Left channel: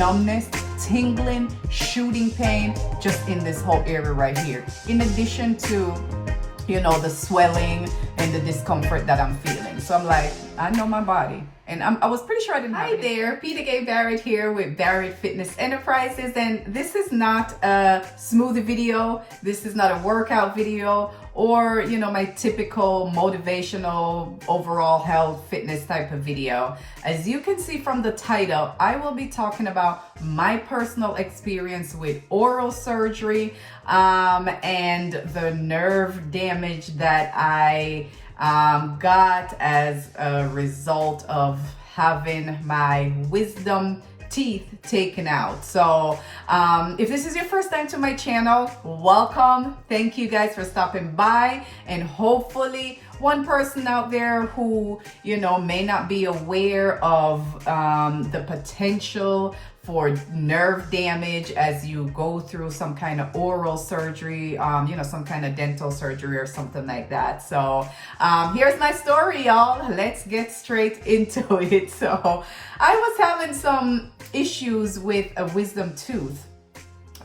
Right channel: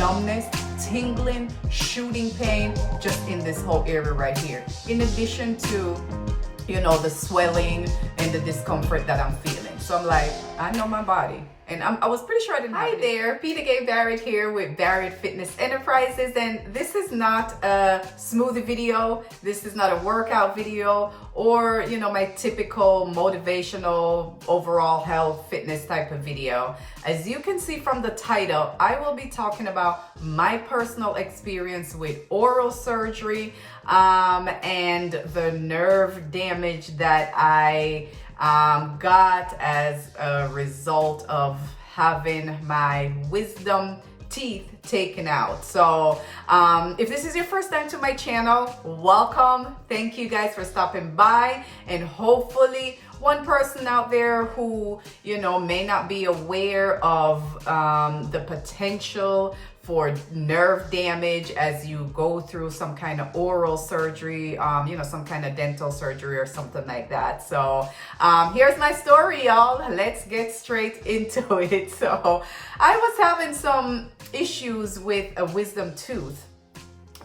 numbness, tingling, shooting pain just in this whole area right here. In addition to, the swelling and the discomfort that I'm feeling. So I'm like, I know my body. And I was pretty sure I didn't have it. Hi there, Peter Gay Barrett here with Barrett Fitness Enterprises. And this is not a smoothie video. This is not a workout video or, my typical motivational overall health fitness type of video. As you can see from the title, I will be talking about my personal experience with oral surgery and the nerve damage that I got as a result of having my wisdom teeth taken out. So if this is your first time to my channel, welcome. Thank you guys for stopping by, and hopefully one person out there who may not be aware of the potential for nerve damage as you go through some kind of oral surgery, some kind of dental surgery or something like that. So here's my story, y'all. Let's get straight into it. So I was having some issues with a wisdom tooth.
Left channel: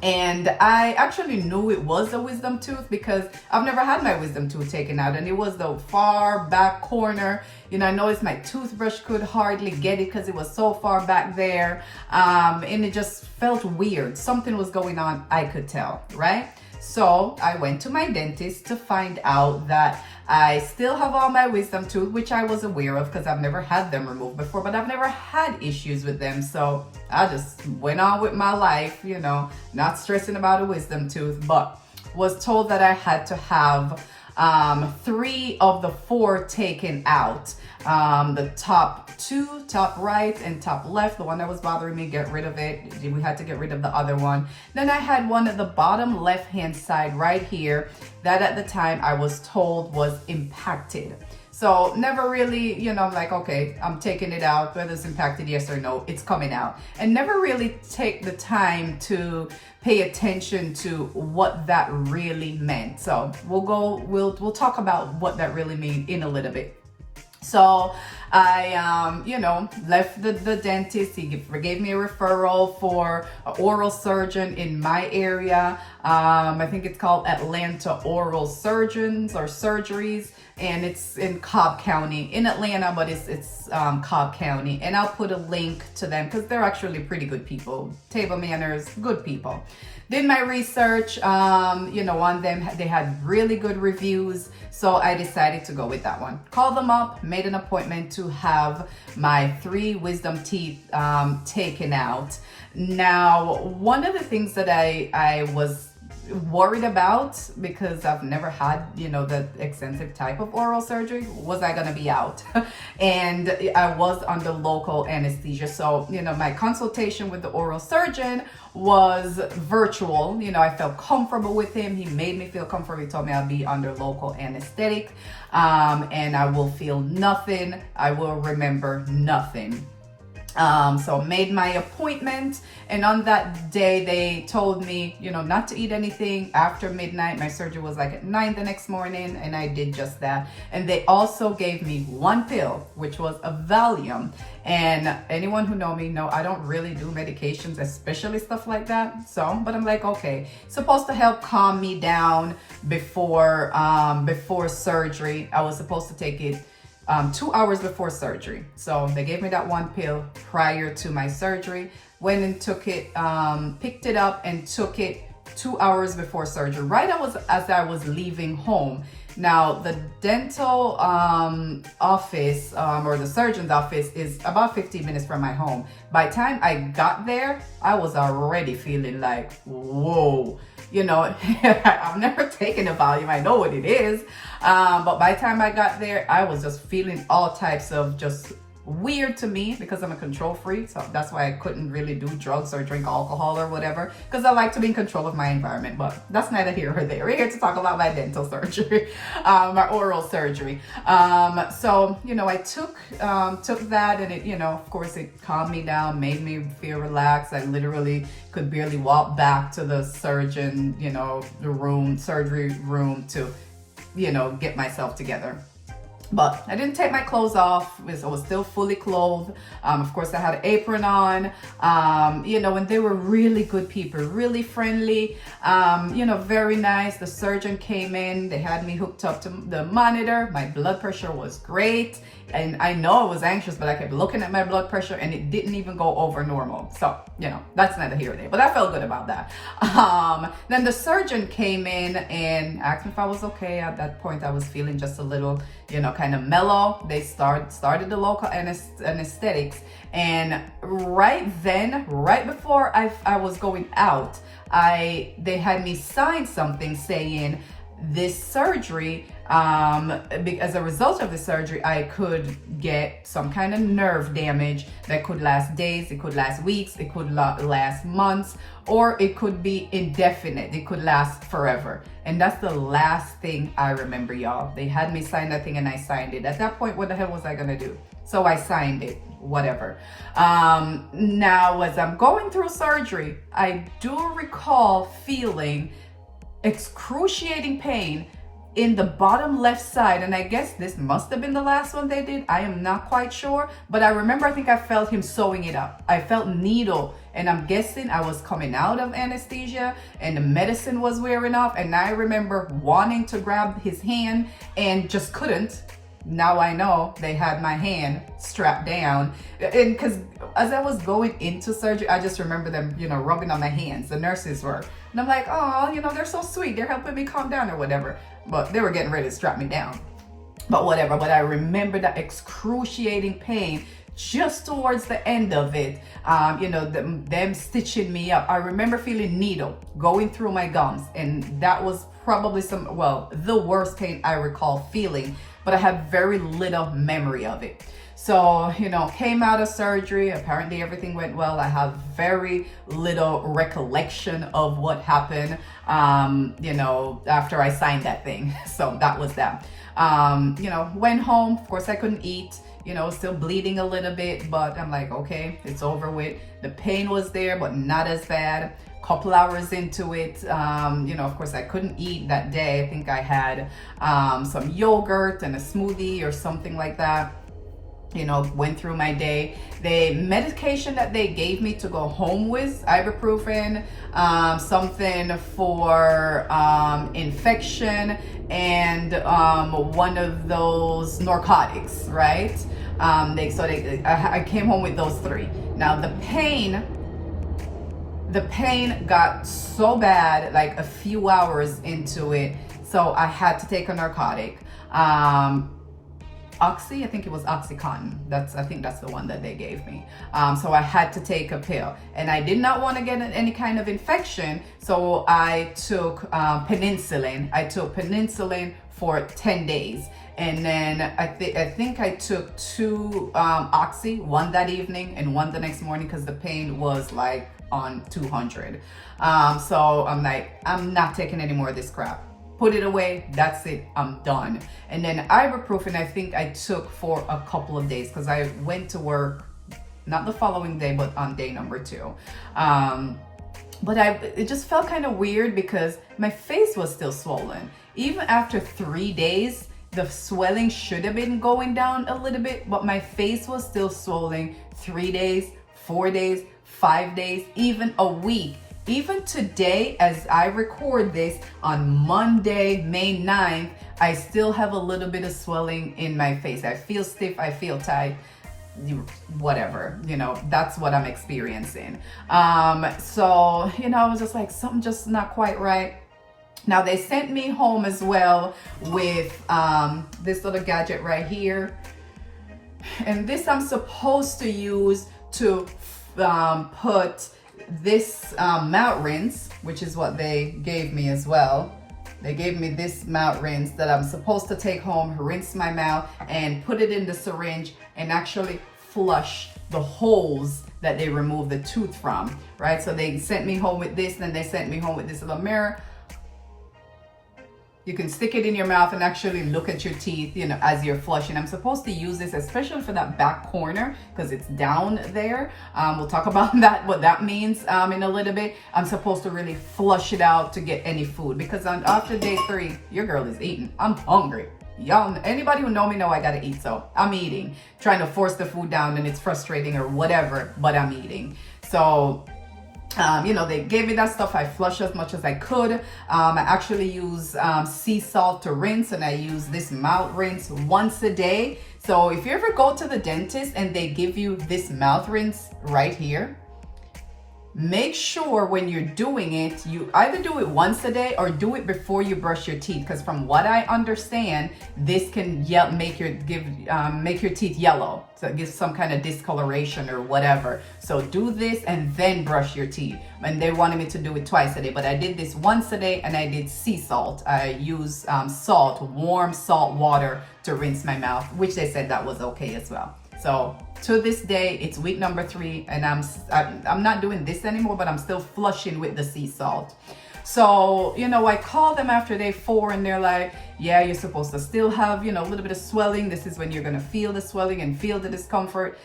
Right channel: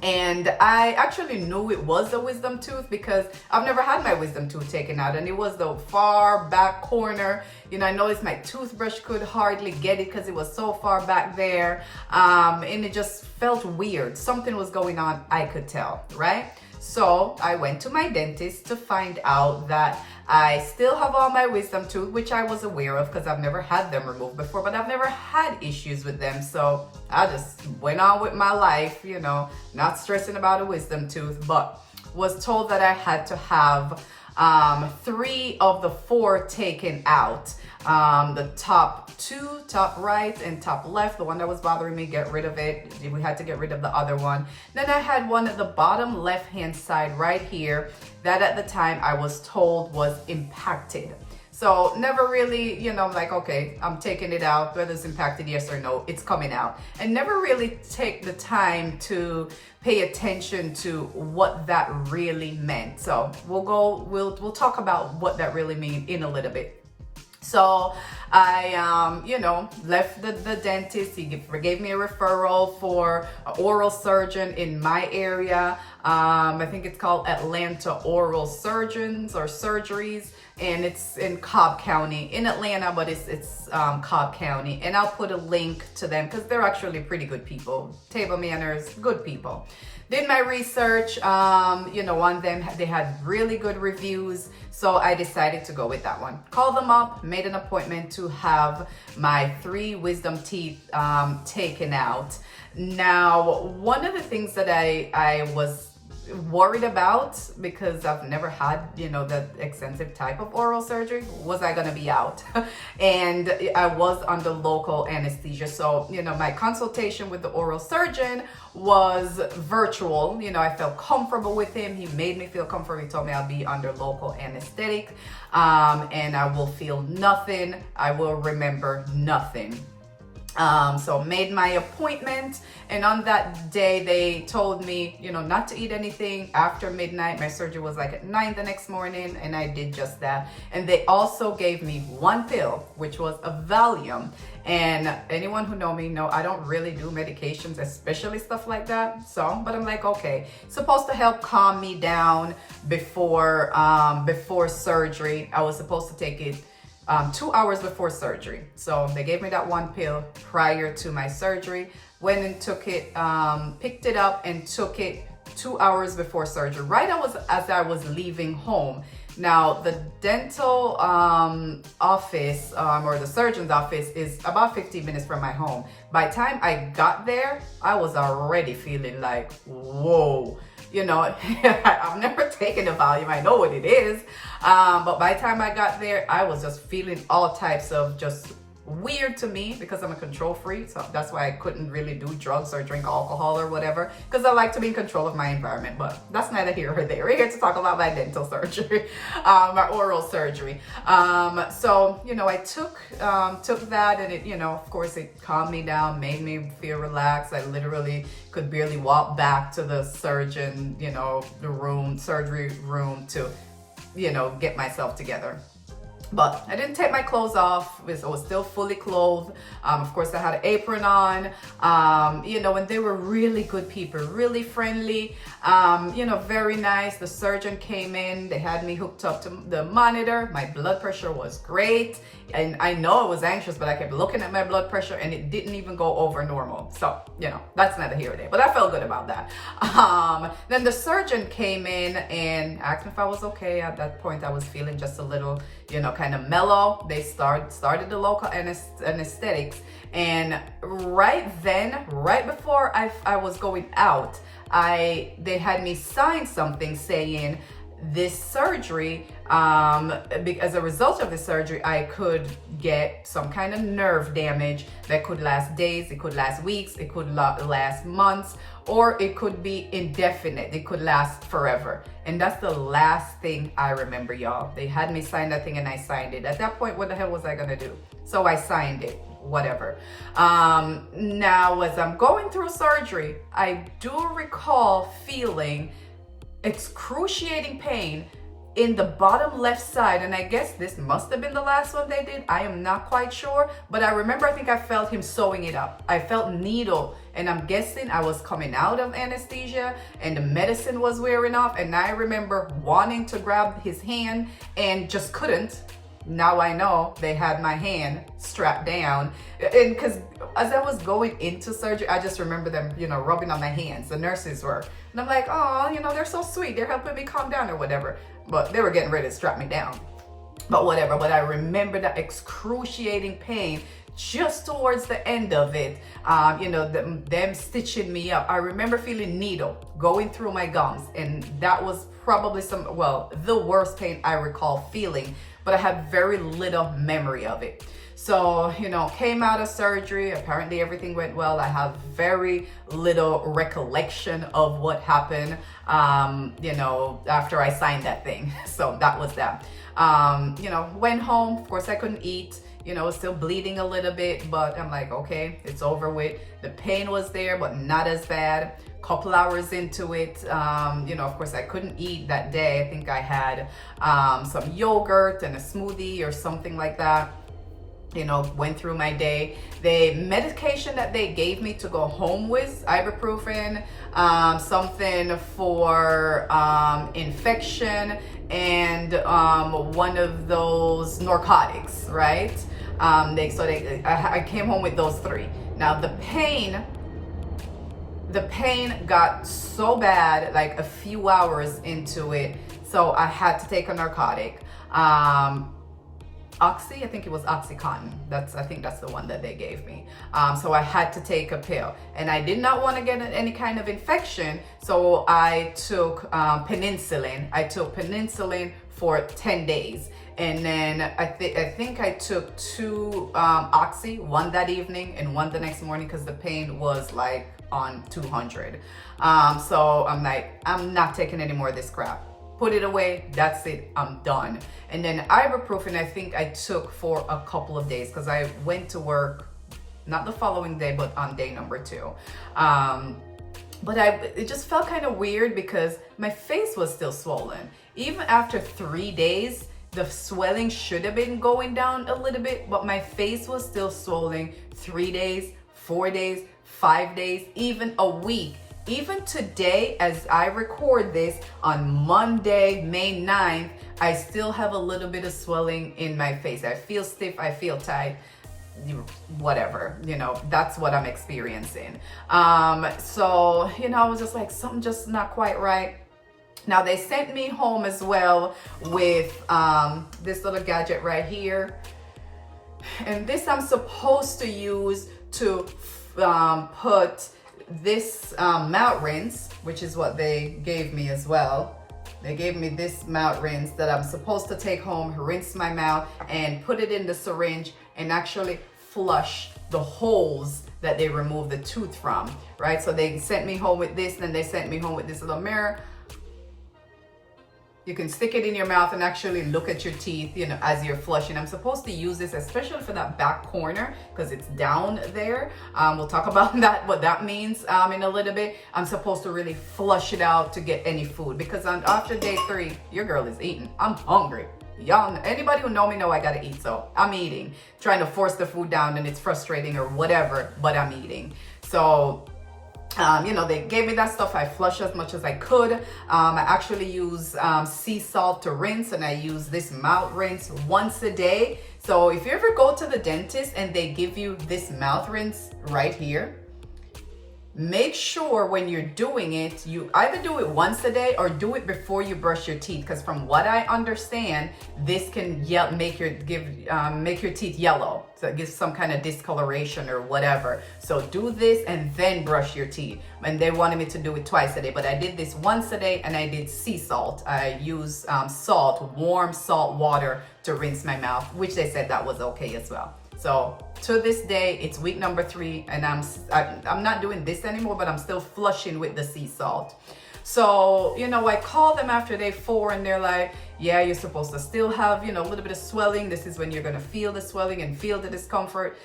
And I actually knew it was a wisdom tooth because I've never had my wisdom tooth taken out, and it was the far back corner. I noticed my toothbrush could hardly get it because it was so far back there, and it just felt weird. Something was going on, I could tell, right? So I went to my dentist to find out that I still have all my wisdom tooth, which I was aware of because I've never had them removed before, but I've never had issues with them. So I just went on with my life, not stressing about a wisdom tooth, but was told that I had to have 3 of the 4 taken out. The top 2, top right and top left, the one that was bothering me, get rid of it. We had to get rid of the other one. Then I had one at the bottom left hand side right here that at the time I was told was impacted. So never really, like, okay, I'm taking it out, whether it's impacted, yes or no, it's coming out. And never really take the time to pay attention to what that really meant. So we'll talk about what that really means in a little bit. So I, left the dentist. He gave me a referral for an oral surgeon in my area. I think it's called Atlanta Oral Surgeons or Surgeries, and it's in Cobb County in Atlanta, but it's Cobb County. And I'll put a link to them because they're actually pretty good people, table manners, good people. Did my research, on them, they had really good reviews. So I decided to go with that one. Called them up, made an appointment to have my 3 wisdom teeth taken out. Now, one of the things that I was worried about, because I've never had, the extensive type of oral surgery, was I gonna be out? And I was under local anesthesia. So, my consultation with the oral surgeon was virtual. I felt comfortable with him. He made me feel comfortable. He told me I'll be under local anesthetic, and I will feel nothing. I will remember nothing. So made my appointment, and on that day they told me, not to eat anything after midnight. My surgery was like at 9 the next morning, and I did just that. And they also gave me 1 pill, which was a Valium. And anyone who know me know I don't really do medications, especially stuff like that. So, but I'm like, okay, supposed to help calm me down before surgery. I was supposed to take it 2 hours before surgery. So they gave me that 1 pill prior to my surgery. Went and took it, picked it up and took it 2 hours before surgery, right as I was leaving home. Now, the dental office or the surgeon's office is about 15 minutes from my home. By the time I got there, I was already feeling like, whoa. I've never taken a Valium. I know what it is. But by the time I got there, I was just feeling all types of just weird to me because I'm a control freak. So that's why I couldn't really do drugs or drink alcohol or whatever, because I like to be in control of my environment. But that's neither here or there. We're here to talk about my dental surgery, my oral surgery. So, I took that, and it, of course it calmed me down, made me feel relaxed. I literally could barely walk back to the surgeon, surgery room to, get myself together. But I didn't take my clothes off. I was still fully clothed. Of course, I had an apron on, you know, and they were really good people, really friendly, you know, very nice. The surgeon came in, they had me hooked up to the monitor. My blood pressure was great. And I know I was anxious, but I kept looking at my blood pressure and it didn't even go over normal. So, you know, that's neither here nor there, but I felt good about that. Then the surgeon came in and asked me if I was okay. At that point, I was feeling just a little, you know, kind of mellow. They started the local anesthetics. And right then, right before I was going out, they had me sign something saying, this surgery, as a result of the surgery, I could get some kind of nerve damage that could last days, it could last weeks, it could last months, or it could be indefinite. It could last forever. And that's the last thing I remember, y'all. They had me sign that thing and I signed it. At that point, what the hell was I gonna do? So I signed it, whatever. Now, as I'm going through surgery, I do recall feeling excruciating pain in the bottom left side, and I guess this must have been the last one they did. I am not quite sure, but I remember I think I felt him sewing it up. I felt needle, and I'm guessing I was coming out of anesthesia and the medicine was wearing off, and I remember wanting to grab his hand and just couldn't. Now I know they had my hand strapped down, and because as I was going into surgery, I just remember them, you know, rubbing on my hands. The nurses were, and I'm like, oh, you know, they're so sweet. They're helping me calm down or whatever. But they were getting ready to strap me down. But whatever. But I remember that excruciating pain just towards the end of it. You know, them stitching me up. I remember feeling needle going through my gums, and that was probably the worst pain I recall feeling. But I had very little memory of it. So, you know, came out of surgery. Apparently everything went well. I have very little recollection of what happened, you know, after I signed that thing. So that was that. You know, went home. Of course, I couldn't eat, you know, still bleeding a little bit, but I'm like, okay, it's over with. The pain was there, but not as bad. Couple hours into it, you know, of course I couldn't eat that day. I think I had some yogurt and a smoothie or something like that. You know, went through my day. The medication that they gave me to go home with, ibuprofen, something for infection, and one of those narcotics, right? I came home with those three. Now the pain got so bad, like a few hours into it, so I had to take a narcotic. Oxy, I think it was Oxycontin. I think that's the one that they gave me. So I had to take a pill, and I did not want to get any kind of infection, so I took penicillin. I took penicillin for 10 days. And then I think I took 2 Oxy, one that evening and one the next morning, because the pain was like on 200. So I'm like, I'm not taking any more of this crap. Put it away. That's it. I'm done. And then ibuprofen, I think I took for a couple of days, because I went to work, not the following day, but on day number 2. But it just felt kind of weird because my face was still swollen. Even after 3 days, the swelling should have been going down a little bit, but my face was still swollen 3 days, 4 days, 5 days, even a week. Even today, as I record this on Monday, May 9th, I still have a little bit of swelling in my face. I feel stiff, I feel tight, whatever, you know, that's what I'm experiencing. So, you know, I was just like, something just not quite right. Now they sent me home as well with this little gadget right here. And this I'm supposed to use to put this mouth rinse, which is what they gave me as well. They gave me this mouth rinse that I'm supposed to take home, rinse my mouth, and put it in the syringe and actually flush the holes that they removed the tooth from, right? So they sent me home with this, then they sent me home with this little mirror. You can stick it in your mouth and actually look at your teeth, you know, as you're flushing. I'm supposed to use this, especially for that back corner, because it's down there. We'll talk about that, what that means in a little bit. I'm supposed to really flush it out to get any food, because after day 3, your girl is eating. I'm hungry. y'all, anybody who know me know I gotta eat, so I'm eating, trying to force the food down, and it's frustrating or whatever, but I'm eating. So you know, they gave me that stuff. I flushed as much as I could. I actually use sea salt to rinse, and I use this mouth rinse once a day. So if you ever go to the dentist and they give you this mouth rinse right here, make sure when you're doing it, you either do it once a day or do it before you brush your teeth. Because from what I understand, this can make your teeth yellow. So it gives some kind of discoloration or whatever. So do this and then brush your teeth. And they wanted me to do it twice a day, but I did this once a day, and I did sea salt. I use salt, warm salt water to rinse my mouth, which they said that was okay as well. So to this day, it's week number 3, and I'm not doing this anymore, but I'm still flushing with the sea salt. So, you know, I called them after day 4, and they're like, yeah, you're supposed to still have, you know, a little bit of swelling. This is when you're going to feel the swelling and feel the discomfort.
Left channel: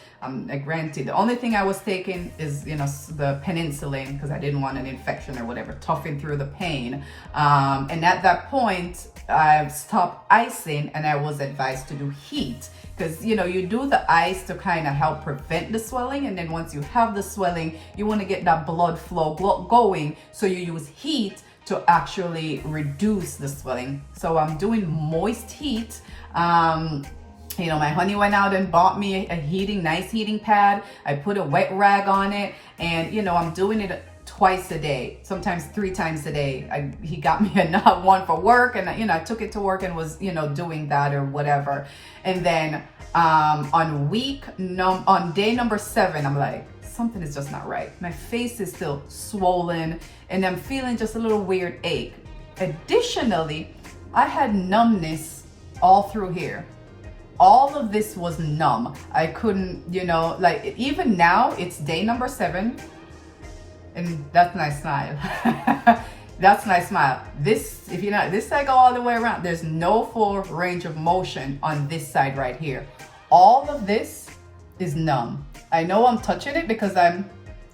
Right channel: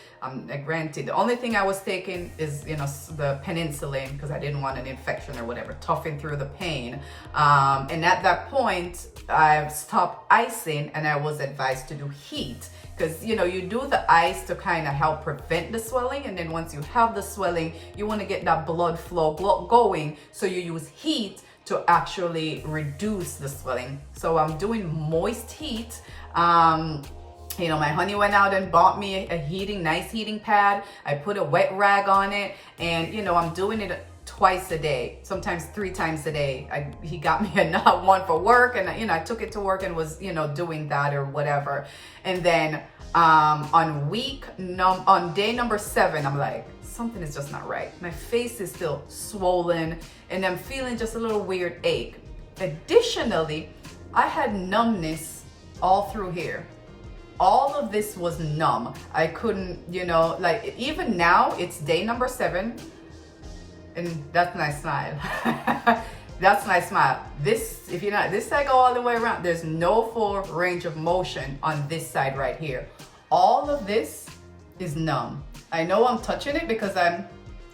Granted, the only thing I was taking is, you know, the penicillin, because I didn't want an infection or whatever, toughing through the pain. And at that point, I stopped icing, and I was advised to do heat. Because, you know, you do the ice to kind of help prevent the swelling. And then once you have the swelling, you want to get that blood flow going. So you use heat to actually reduce the swelling. So I'm doing moist heat. You know, my honey went out and bought me a nice heating pad. I put a wet rag on it. And, you know, I'm doing it twice a day, sometimes 3 times a day. He got me another one for work, and you know, I took it to work and was, you know, doing that or whatever. And then on day number 7, I'm like, something is just not right. My face is still swollen, and I'm feeling just a little weird ache. Additionally, I had numbness all through here. All of this was numb. I couldn't, you know, like even now it's day number 7. And that's my smile. That's my smile. This, if you know, this side go all the way around. There's no full range of motion on this side right here. All of this is numb. I know I'm touching it because I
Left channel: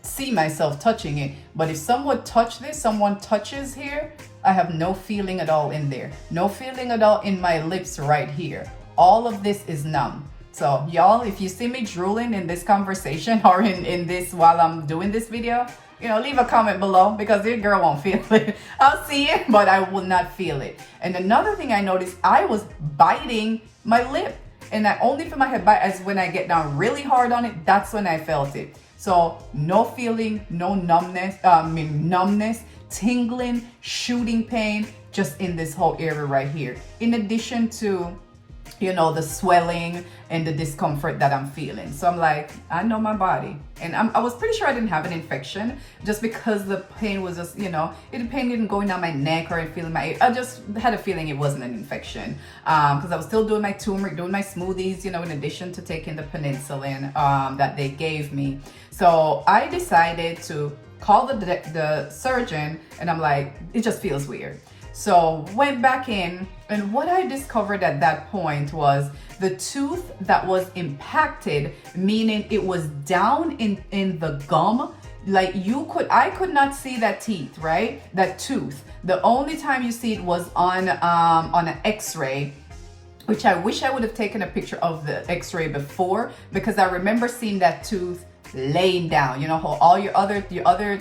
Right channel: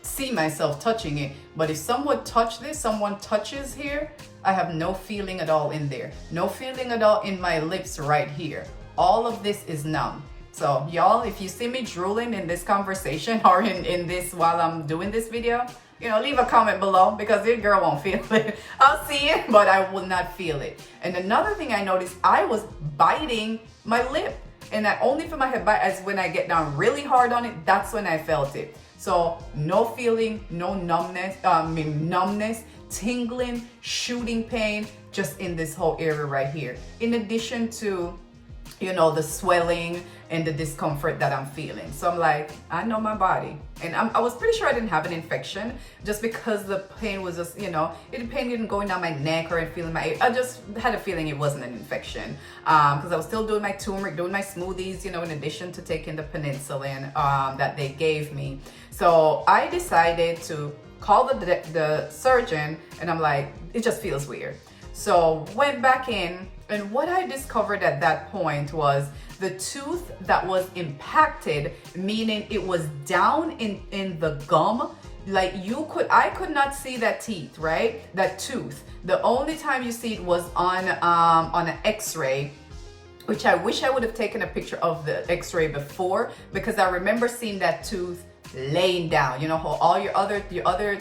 see myself touching it. But if someone touches here, I have no feeling at all in there. No feeling at all in my lips right here. All of this is numb. So y'all, if you see me drooling in this conversation or in this while I'm doing this video, you know, leave a comment below, because your girl won't feel it. I'll see it, but I will not feel it. And another thing I noticed, I was biting my lip, and I only feel my head bite as when I get down really hard on it. That's when I felt it. So no feeling, no numbness, tingling, shooting pain, just in this whole area right here. In addition to, you know, the swelling and the discomfort that I'm feeling. So I'm like, I know my body. And I was pretty sure I didn't have an infection, just because the pain was just, you know, the pain didn't going down my neck or feeling my, I just had a feeling it wasn't an infection. Because I was still doing my turmeric, doing my smoothies, you know, in addition to taking the penicillin that they gave me. So I decided to call the surgeon, and I'm like, it just feels weird. So went back in, and what I discovered at that point was the tooth that was impacted, meaning it was down in the gum. Like I could not see that teeth, right? That tooth. The only time you see it was on an x-ray, which I wish I would have taken a picture of the x-ray before, because I remember seeing that tooth laying down. You know how all your other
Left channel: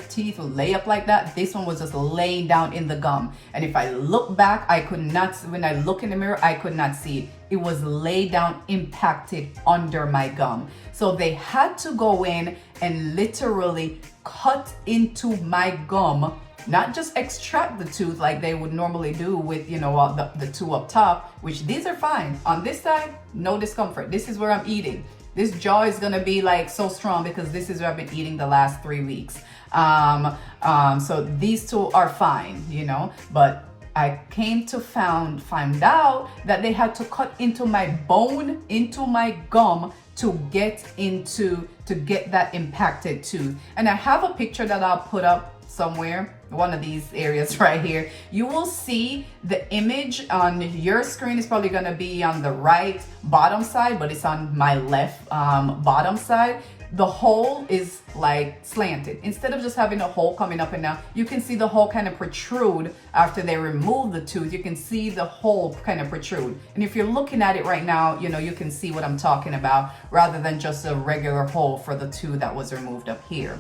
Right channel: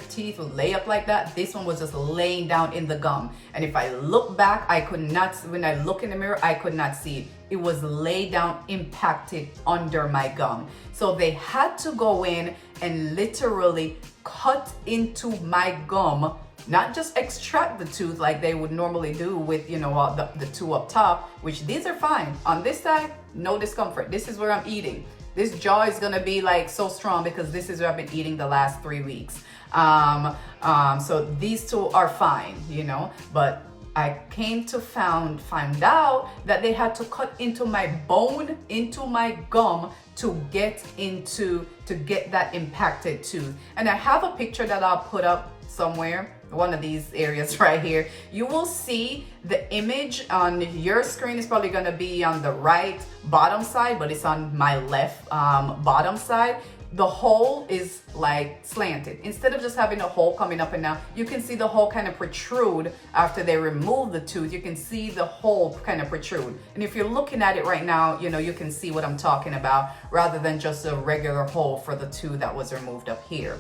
teeth will lay up like that? This one was just laying down in the gum. And if I look back, I could not, when I look in the mirror, I could not see it. It was laid down, impacted under my gum. So they had to go in and literally cut into my gum, not just extract the tooth like they would normally do with, you know, the two up top, which these are fine. On this side, no discomfort. This is where I'm eating. This jaw is gonna be like so strong because this is where I've been eating the last 3 weeks. So these two are fine, you know, but I came to find out that they had to cut into my bone, into my gum to get that impacted tooth. And I have a picture that I'll put up somewhere, one of these areas right here. You will see the image on your screen is probably going to be on the right bottom side, but it's on my left bottom side. the hole is like slanted. Instead of just having a hole coming up and down, you can see the hole kind of protrude after they remove the tooth. You can see the hole kind of protrude. And if you're looking at it right now, you know, you can see what I'm talking about, rather than just a regular hole for the tooth that was removed up here.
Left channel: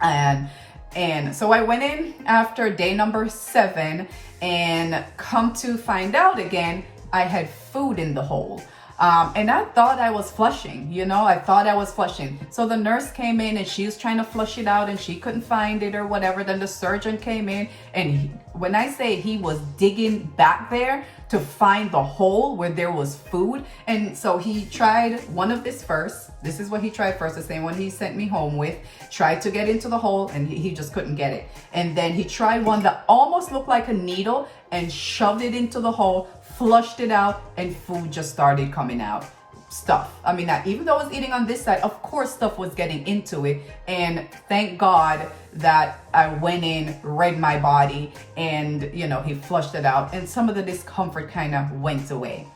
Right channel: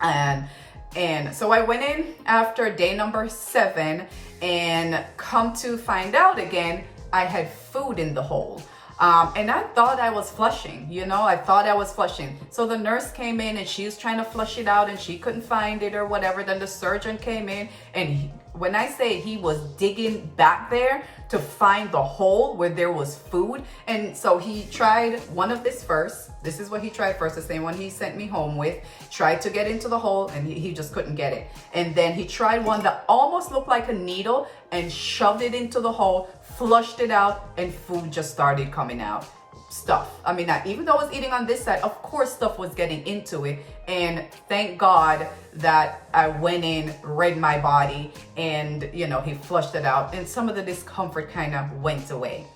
And so I went in after day number 7, and come to find out again, I had food in the hole. And I thought I was flushing, you know, I thought I was flushing. So the nurse came in and she was trying to flush it out and she couldn't find it or whatever. Then the surgeon came in, and when I say he was digging back there to find the hole where there was food. And so he tried one of this first. This is what he tried first, the same one he sent me home with. Tried to get into the hole and he just couldn't get it. And then he tried one that almost looked like a needle and shoved it into the hole, flushed it out, and food just started coming out. Stuff. I mean, even though I was eating on this side, of course stuff was getting into it. And thank God that I went in, read my body, and, you know, he flushed it out, and some of the discomfort kind of went away.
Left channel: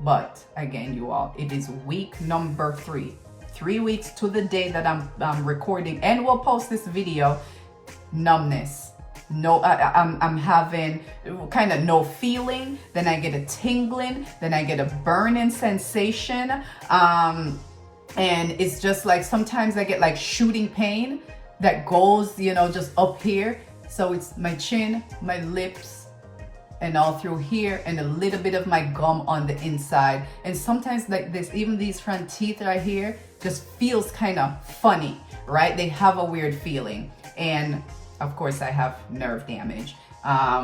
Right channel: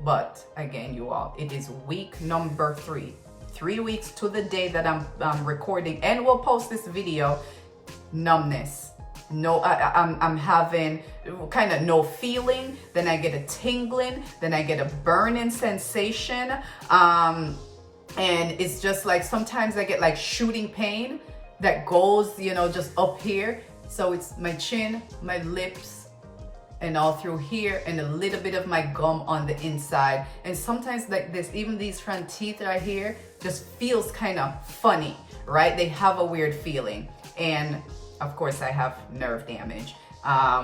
But again, you all, it is week number 3. 3 weeks to the day that I'm recording and will post this video. Numbness. No, I'm having kind of no feeling. Then I get a tingling. Then I get a burning sensation. And it's just like sometimes I get like shooting pain that goes, you know, just up here. So it's my chin, my lips, and all through here, and a little bit of my gum on the inside. And sometimes like this, even these front teeth right here just feels kind of funny, right? They have a weird feeling. And of course I have nerve damage,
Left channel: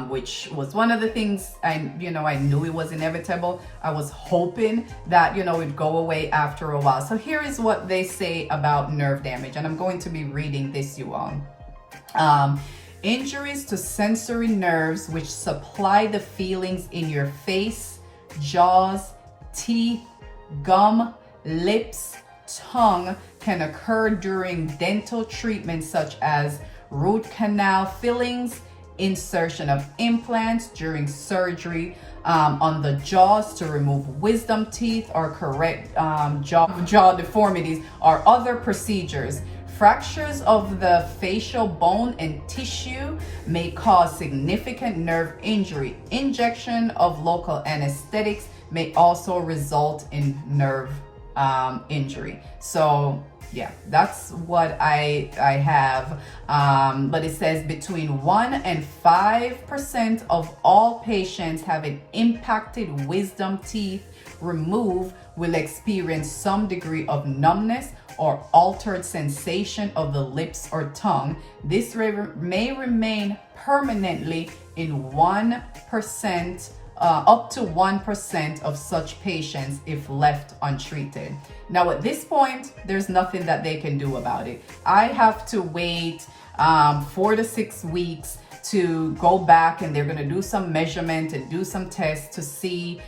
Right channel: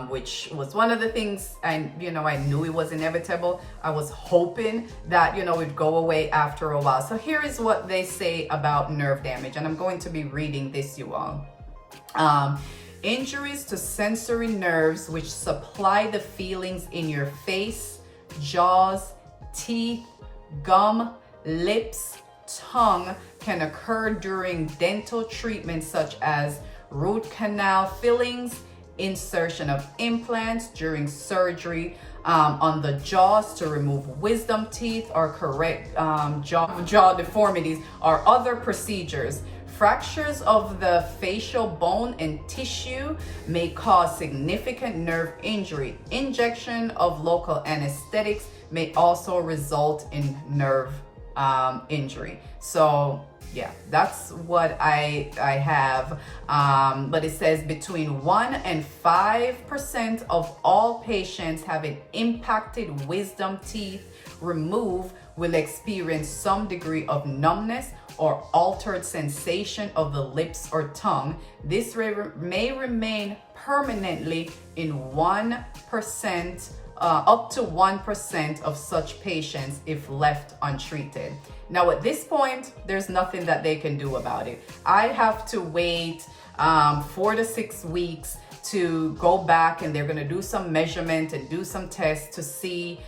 which was one of the things I knew it was inevitable. I was hoping that, you know, it'd go away after a while. So here is what they say about nerve damage. And I'm going to be reading this, you all. Injuries to sensory nerves which supply the feelings in your face, jaws, teeth, gum, lips, tongue can occur during dental treatments such as root canal fillings, insertion of implants, during surgery on the jaws to remove wisdom teeth or correct jaw deformities, or other procedures. Fractures of the facial bone and tissue may cause significant nerve injury. Injection of local anesthetics may also result in nerve injury. So yeah, that's what I have. But it says between 1 and 5% of all patients having impacted wisdom teeth removed will experience some degree of numbness or altered sensation of the lips or tongue. This may remain permanently in 1%, up to 1% of such patients if left untreated. Now at this point, there's nothing that they can do about it. I have to wait 4 to 6 weeks to go back, and they're gonna do some measurement and do some tests to see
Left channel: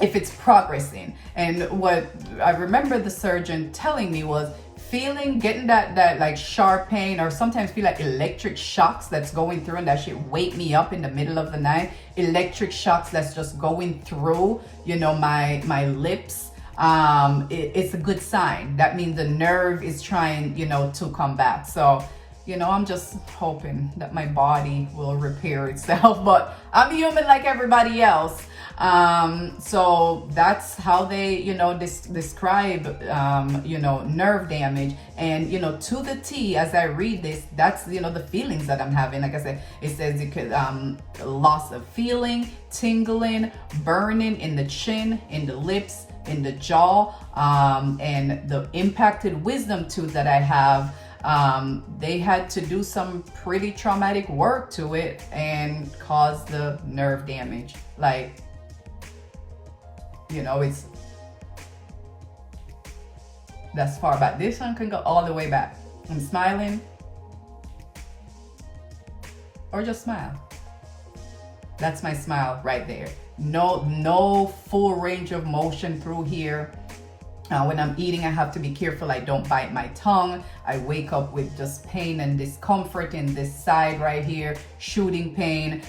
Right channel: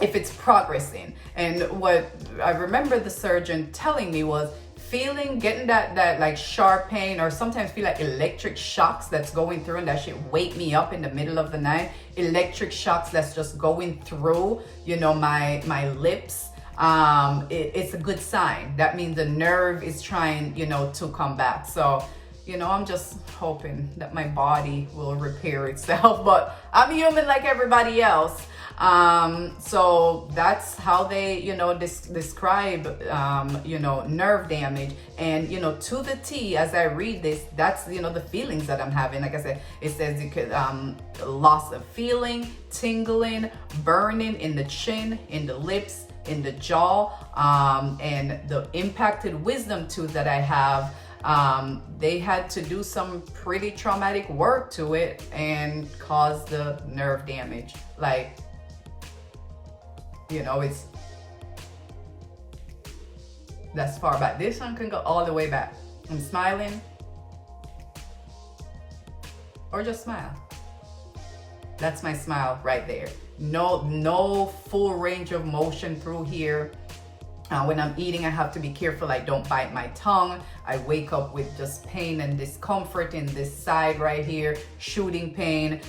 if it's progressing. And what I remember the surgeon telling me was getting that like sharp pain, or sometimes feel like electric shocks that's going through, and that should wake me up in the middle of the night. Electric shocks that's just going through, you know, my lips. It's a good sign. That means the nerve is trying, you know, to come back. So, you know, I'm just hoping that my body will repair itself, but I'm human like everybody else. So that's how they, you know, describe, you know, nerve damage. And, you know, to the T, as I read this, that's, you know, the feelings that I'm having. Like I said, it says you could, loss of feeling, tingling, burning in the chin, in the lips, in the jaw, and the impacted wisdom tooth that I have. They had to do some pretty traumatic work to it and cause the nerve damage. Like, you know, that's far back. This one can go all the way back. I'm smiling, or just smile. That's my smile right there. No full range of motion through here. When I'm eating, I have to be careful I don't bite my tongue. I wake up with just pain and discomfort in this side right here, shooting pain,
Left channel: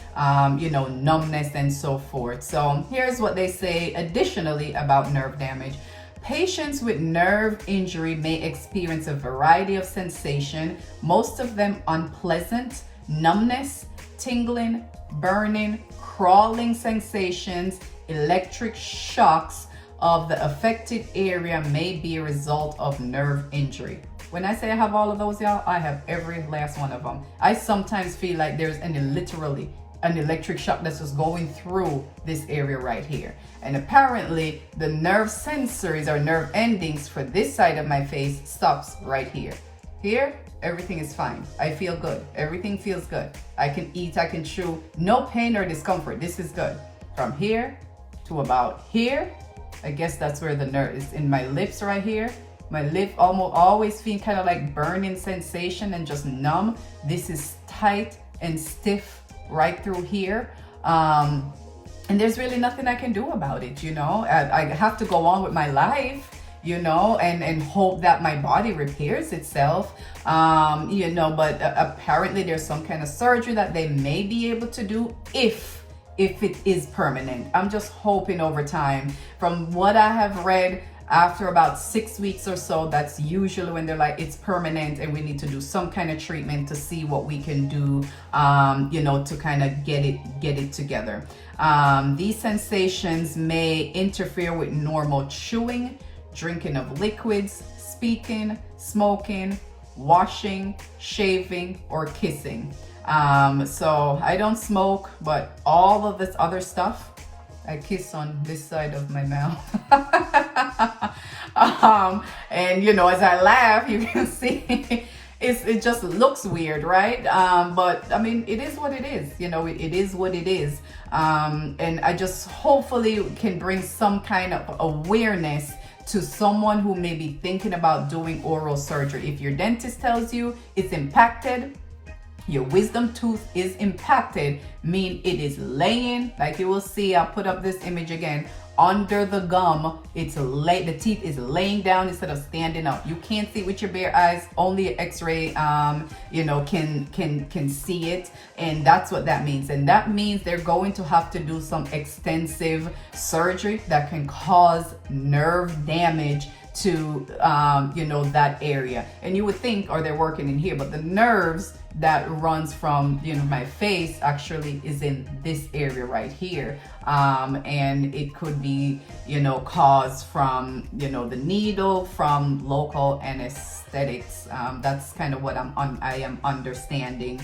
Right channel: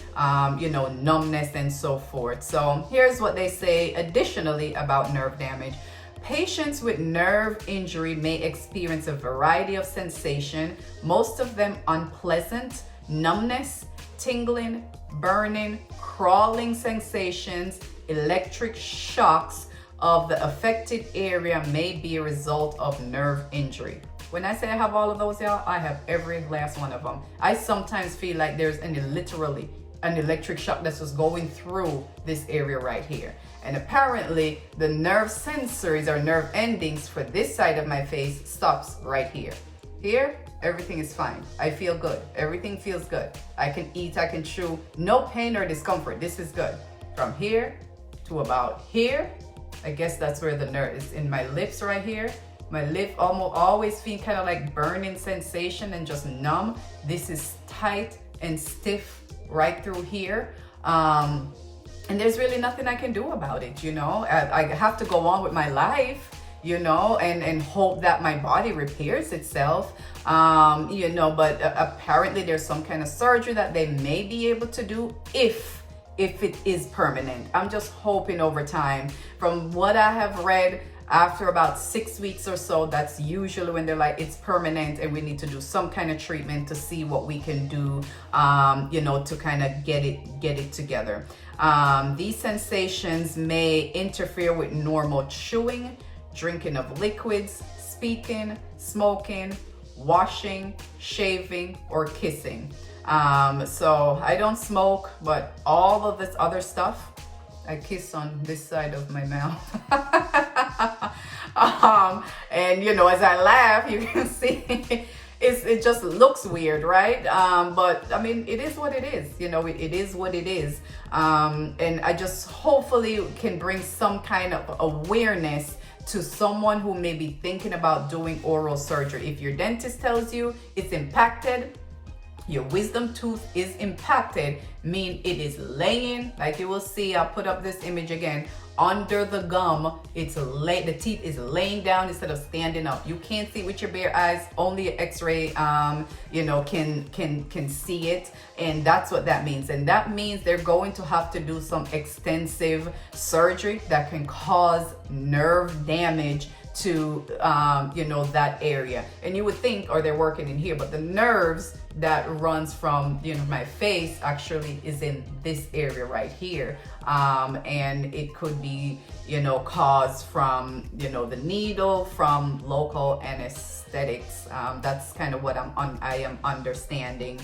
you know, numbness and so forth. So here's what they say additionally about nerve damage. Patients with nerve injury may experience a variety of sensation, most of them unpleasant, numbness, tingling, burning, crawling sensations, electric shocks of the affected area may be a result of nerve injury. When I say I have all of those, y'all, I have every last one of them. I sometimes feel like there's literally an electric shock that's just going through this area right here. And apparently the nerve sensors or nerve endings for this side of my face stops right here. Here, everything is fine. I feel good. Everything feels good. I can eat, I can chew. No pain or discomfort. This is good. From here to about here, I guess that's where the nerve is. In my lips right here, my lip almost always feel kind of like burning sensation and just numb. This is tight and stiff right through here. And there's really nothing I can do about it, you know. I have to go on with my life, you know, and hope that my body repairs itself, you know, but apparently there's some kind of surgery that they may be able to do if it is permanent. I'm just hoping over time. From what I have read, after about 6 weeks or so, that's usually when they're like, it's permanent and we need to do some kind of treatment to see what we can do, you know, to kind of get it together. These sensations may interfere with normal chewing, drinking of liquids, speaking, smoking, washing, shaving, or kissing. So I don't smoke, but all of this other stuff, I kiss on this side of my mouth. And you know, as I laugh, you can see it just looks weird, right? But I mean, it is what it is, you know, it is what it is. And I just hopefully can bring some kind of awareness to someone who may be thinking about doing oral surgery. If your dentist tells you it's impacted, your wisdom tooth is impacted, mean it is laying, like you will see, I'll put up this image again, under the gum, the teeth is laying down instead of standing up. You can't see it with your bare eyes, only x-ray, you know, can see it. And that's what that means. And that means they're going to have to do some extensive surgery that can cause nerve damage to, you know, that area. And you would think, or they're working in here, but the nerves that runs from, you know, my face actually is in this area right here. And it could be, you know, caused from, you know, the needle, from local anesthetics. That's kind of what I am understanding.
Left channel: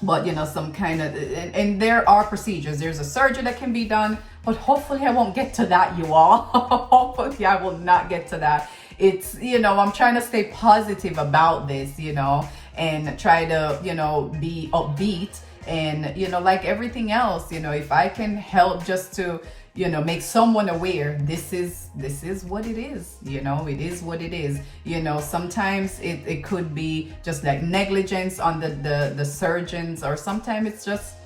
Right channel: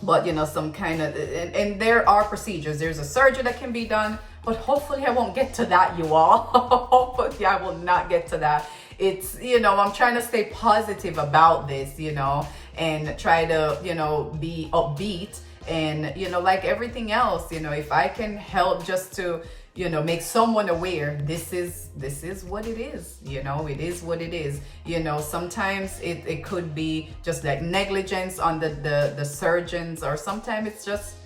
But you know, some kind of, and there are procedures. There's a surgery that can be done, but hopefully I won't get to that, you all. Hopefully I will not get to that. It's, you know, I'm trying to stay positive about this, you know, and try to, you know, be upbeat. And, you know, like everything else, you know, if I can help just to, you know, make someone aware, this is what it is, you know, it is what it is. You know, sometimes it could be just like negligence on the surgeons, or sometimes it's just,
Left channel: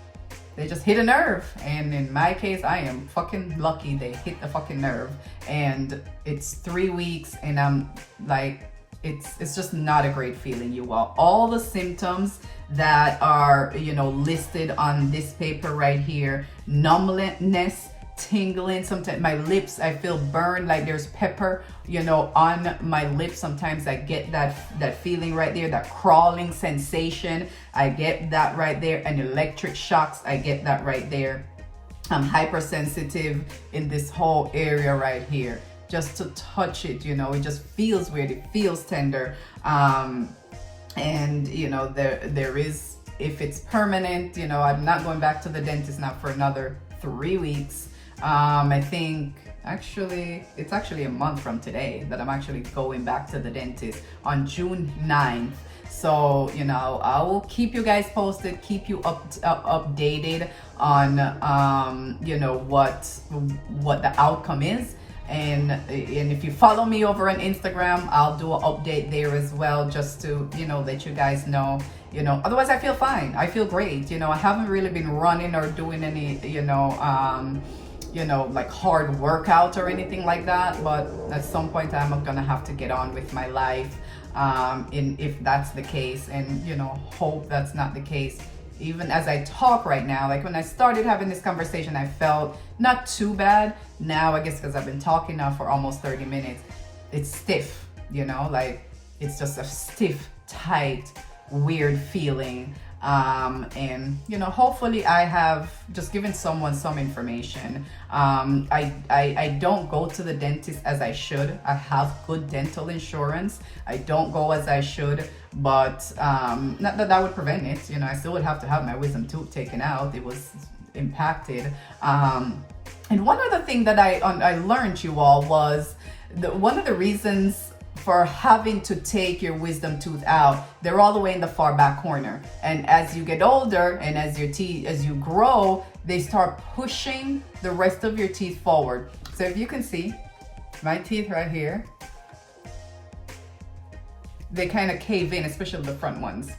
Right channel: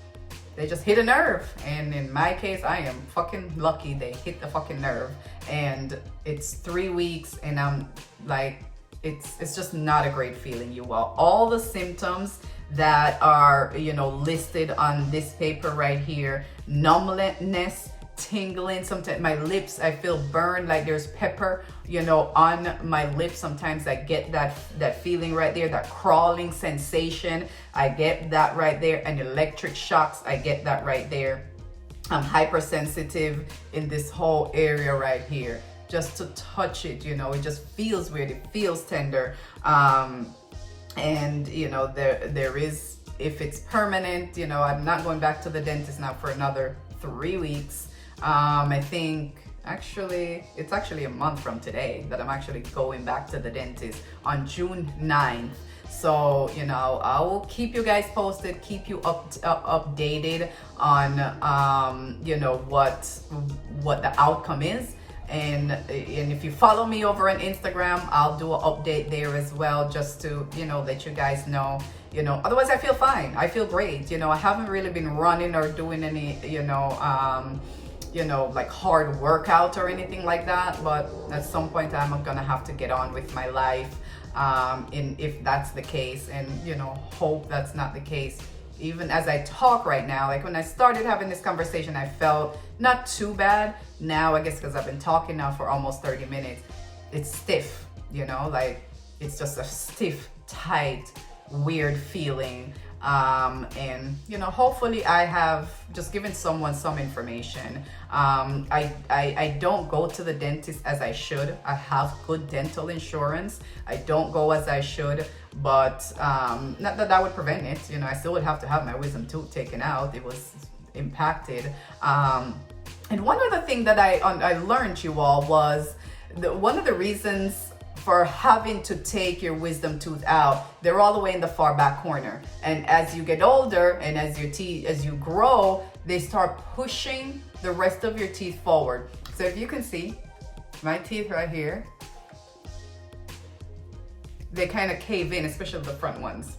they just hit a nerve. And in my case, I am fucking lucky they hit the fucking nerve. And it's 3 weeks and I'm like, it's just not a great feeling, you all the symptoms that are, you know, listed on this paper right here: numbness, tingling, sometimes my lips, I feel burned, like there's pepper, you know, on my lips. Sometimes I get that feeling right there, that crawling sensation, I get that right there. And electric shocks, I get that right there. I'm hypersensitive in this whole area right here. Just to touch it, you know, it just feels weird, it feels tender. And you know, there is, if it's permanent, you know, I'm not going back to the dentist now for another 3 weeks. I think it's actually a month from today that I'm actually going back to the dentist on June 9th. So, you know, I will keep you guys posted, keep you updated on, you know, what the outcome is. And if you follow me over on Instagram, I'll do an update there as well, just to, you know, let you guys know, you know. Otherwise, I feel fine. I feel great. You know, I haven't really been running or doing any, you know, like hard workout or anything like that. But at some point, I'm gonna have to get on with my life. If that's the case, and you know, hope that's not the case. even as I talk right now. Like when I started having this conversation, I felt not too bad. Now, I guess because I've been talking now for almost 30 minutes, it's stiff, you know, like it's just a stiff, tight, weird feeling. And you know, hopefully I have just given someone some information. I don't go to the dentist as I should. I have good dental insurance. I don't go as I should, but not that that would prevent it. You know, I still would have to have my wisdom tooth taken out. It was impacted. And one other thing that I learned, you all, was one of the reasons for having to take your wisdom tooth out, they're all the way in the far back corner. And as you get older and as you grow, they start pushing the rest of your teeth forward. So if you can see my teeth right here, they kind of cave in, especially the front ones.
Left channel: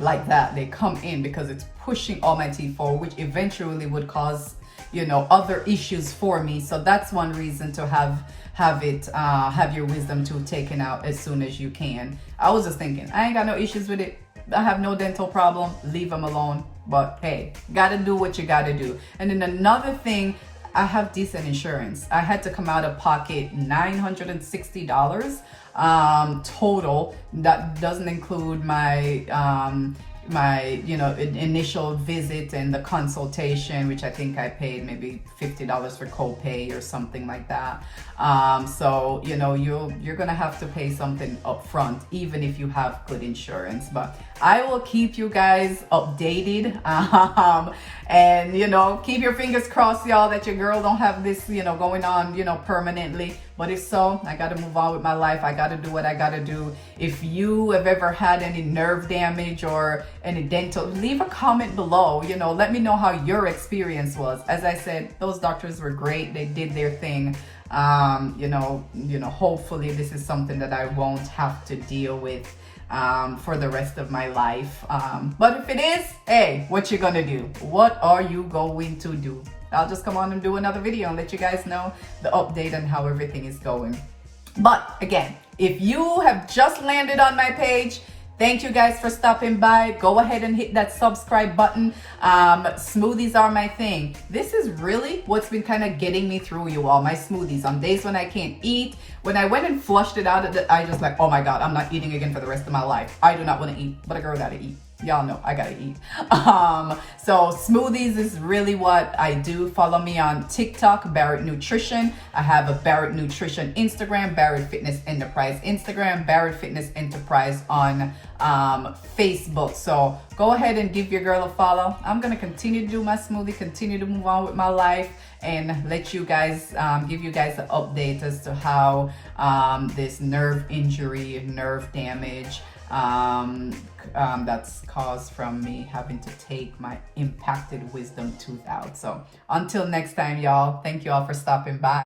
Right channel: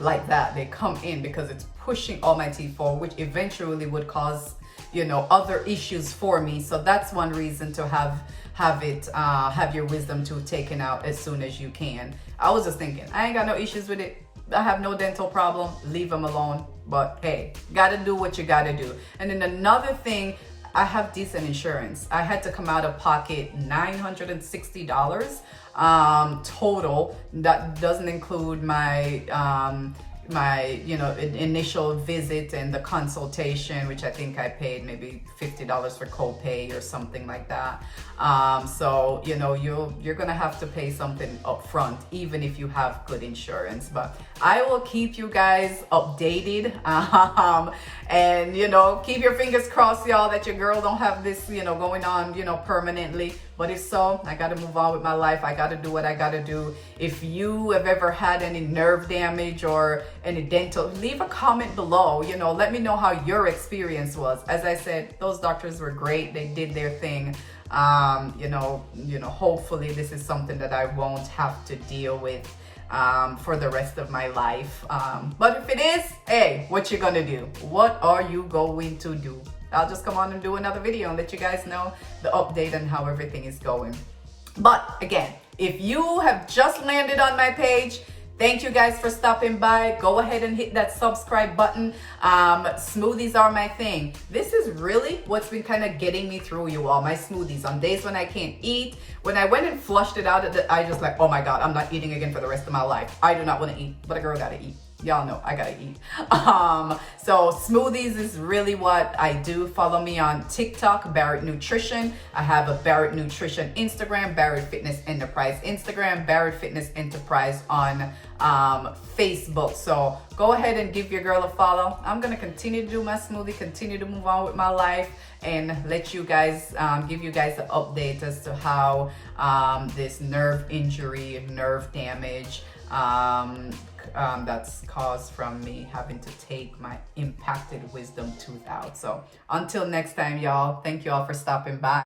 Like that, they come in because it's pushing all my teeth forward, which eventually would cause, you know, other issues for me. So that's one reason to have your wisdom tooth taken out as soon as you can. I was just thinking, I ain't got no issues with it. I have no dental problem. Leave them alone. But hey, gotta do what you gotta do. And then another thing, I have decent insurance. I had to come out of pocket $960 total. That doesn't include my you know, initial visit and the consultation, which I think I paid maybe $50 for copay or something like that. So you know, you're gonna have to pay something up front, even if you have good insurance. But I will keep you guys updated, and you know, keep your fingers crossed, y'all, that your girl don't have this, you know, going on, you know, permanently. But if so, I got to move on with my life. I got to do what I got to do. If you have ever had any nerve damage or any dental, leave a comment below. You know, let me know how your experience was. As I said, those doctors were great. They did their thing. You know, hopefully this is something that I won't have to deal with for the rest of my life. But if it is, hey, what you gonna do? What are you going to do? I'll just come on and do another video and let you guys know the update on how everything is going. But again, if you have just landed on my page, thank you guys for stopping by. Go ahead and hit that subscribe button. Smoothies are my thing. This is really what's been kind of getting me through, you all. My smoothies on days when I can't eat. When I went and flushed it out, I just like, oh my God, I'm not eating again for the rest of my life. I do not want to eat, but a girl gotta eat. Y'all know I gotta eat. So smoothies is really what I do. Follow me on TikTok, Barrett Nutrition. I have a Barrett Nutrition Instagram, Barrett Fitness Enterprise Instagram, Barrett Fitness Enterprise on Facebook. So go ahead and give your girl a follow. I'm gonna continue to do my smoothie, continue to move on with my life, and let you guys give you guys an update as to how this nerve injury, nerve damage that's caused from me having to take my impacted wisdom tooth out. So until next time, y'all, thank you all for stopping by.